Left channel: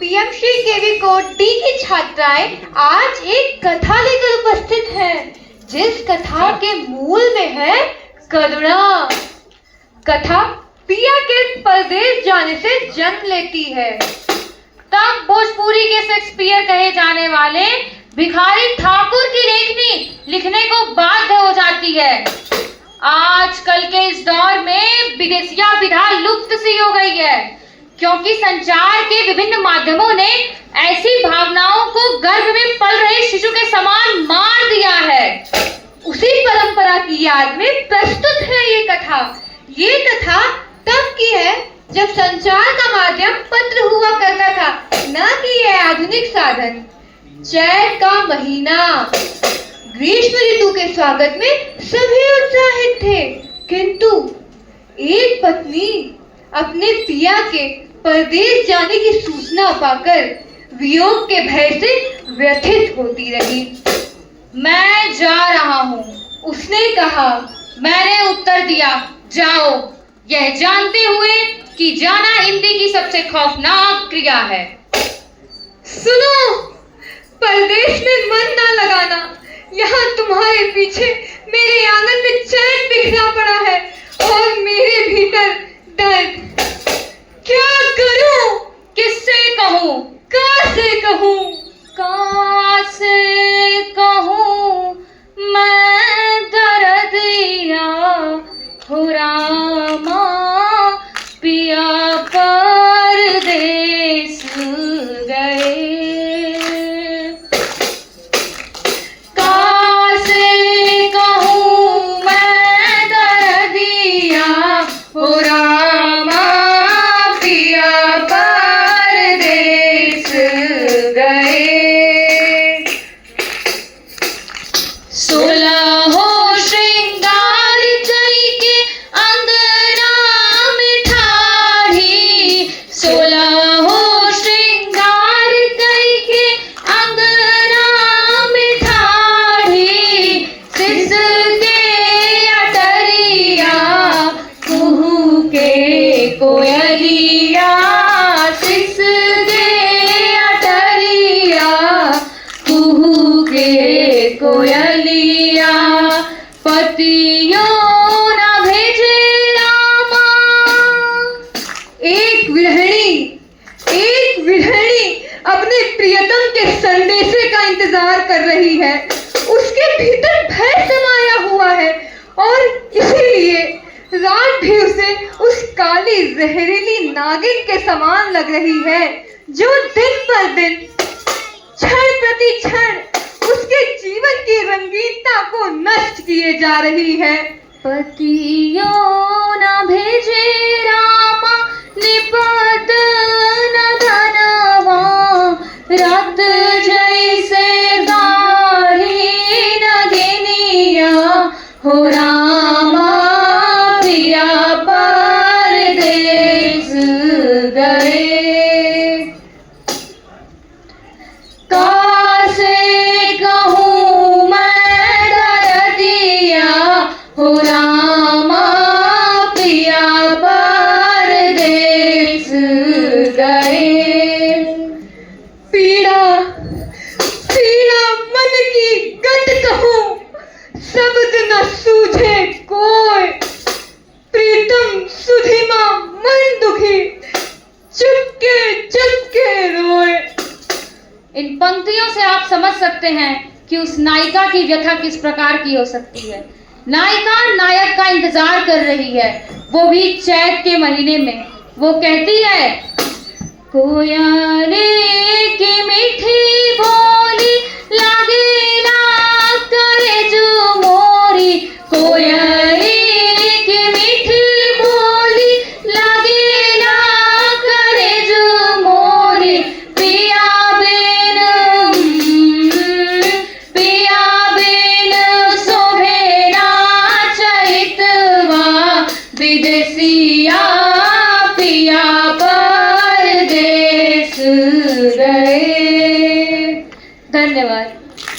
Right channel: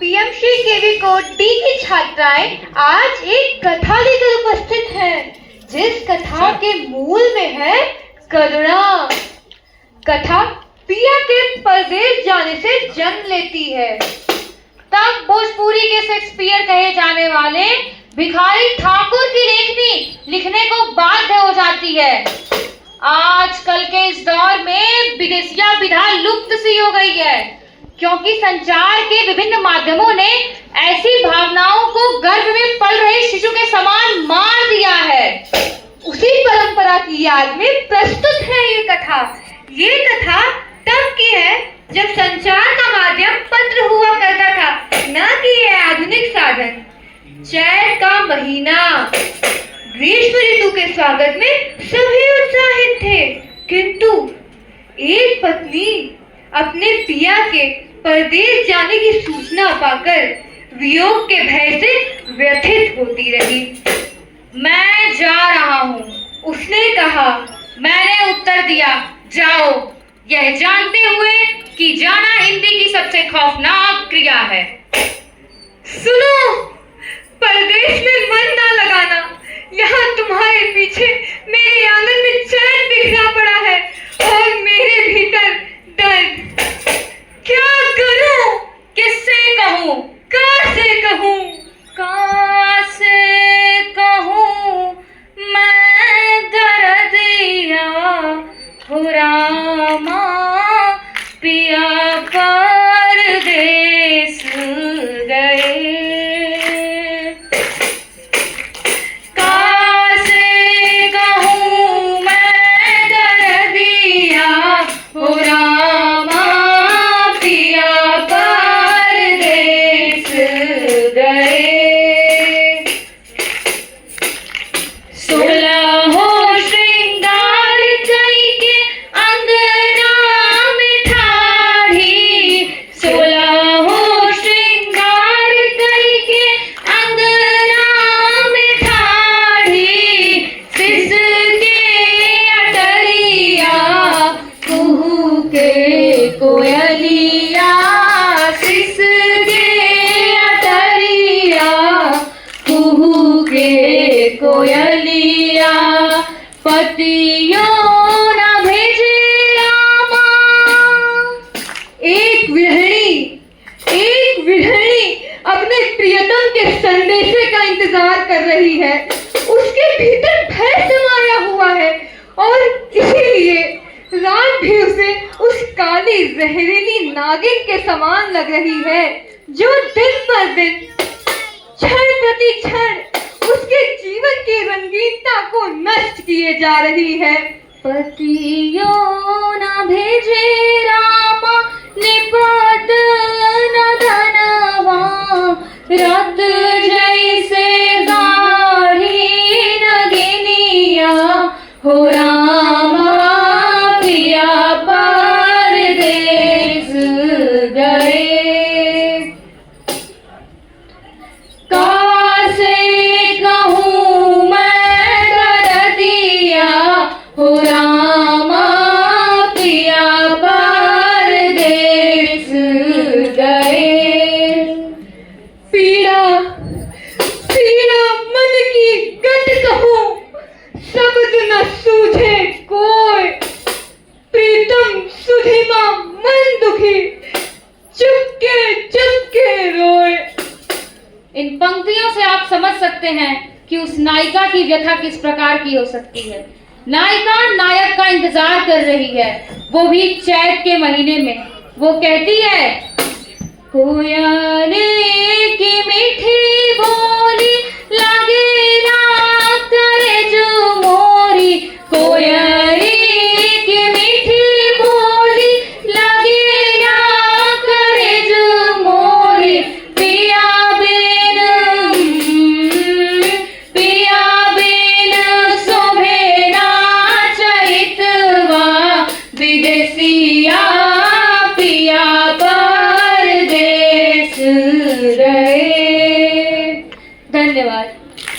PMC केवी code D की छात्राएं आज एक कथा लेकर उपस्थित हैं, जिस कथा के मूल में है करुणा। कथा पिया के परदेश जाने से जन्म लेती है। तब भोजपुरी के शेक्सपियर कहे जाने वाले भिखारी ठाकुर की लेखनी लिखने को बाध्य हो जाती है। आजकल के इस दौर में विदेशिया विधा लुप्त सी हो गई है, क्योंकि संचार के विभिन्न माध्यमों ने ऐसी भावनाओं को गर्भ में पल रहे शिशु के समान मार दिया है। उसी परंपरा की याद में प्रस्तुत है ये कथा। ये कथा तब की है जब संचार का माध्यम पत्र हुआ करता था, न कि यह आधुनिक साधन। चैत का महीना, ग्रीष्म ऋतु के स्वागत में सभी उत्साहित थे, किंतु एक पत्नी अपने पिया के परदेश जाने की सूचना पाकर वियोग के भय से व्यथित होती रही। मैं जा रहा हूँ, उसने कहा। मैंने उत्तर दिया, जाओ, यह जानते हुए कि जाना हिंदी की सबसे खौफनाक क्रिया है। सुनो, परदेश में मन ना लगाना। यहाँ तुम्हारे पीछे मेरे आंगन में चैन बिखरा पड़ा है और मेरे भीतर दर्द। क्या करूं, किससे कहूं, कैसे कहूं, कैसे कहूं मैं दर्दिया हो रामा, पिया परदेस गए। कैसे कहूं मैं दर्दिया हो रामा, पिया परदेस गए। 16 श्रृंगार कई के अंगना में ठाढ़ी, 16 श्रृंगार कई के अंगना में ठाढ़ी, सिसके अटरिया कुहू के कोयलिया, सिसके अटरिया कुहू के कोयलिया, पतियों न भेजे रामा। एक विरहणी अपने प्रियतम के संदेशे का इंतजार कर रही है। उसके भीतर भय समाया हुआ है और इसीलिए रात भी उसे उस काली जहरीली नागिन के समान लग रही है, जो दिन पर दिन, क्षण प्रति क्षण उसके जीवन की रंगीनता को नष्ट किए जा रही है। पतियों न भेजे रामा, निपत न धनवा, रात जैसे दाढ़ी नगिनिया हो रामा, पिया परदेस गए। कैसे कहूं मैं दर्दिया हो रामा, पिया परदेस गए। पीड़ा पीड़ा मन की गत कहूं, शब्द न सूझे कोई, प्रीतम सुधिमा मन दुखी, चुपके रोए। इन पंक्तियों से आप समझ सकते हैं कि उस नायिका की व्यथा किस प्रकार की हो सकती है। नायिका नायक का इंतजार कर रही है, वो भी चैत के महीने में। वो कहती है, कोयले की मीठी बोली लागे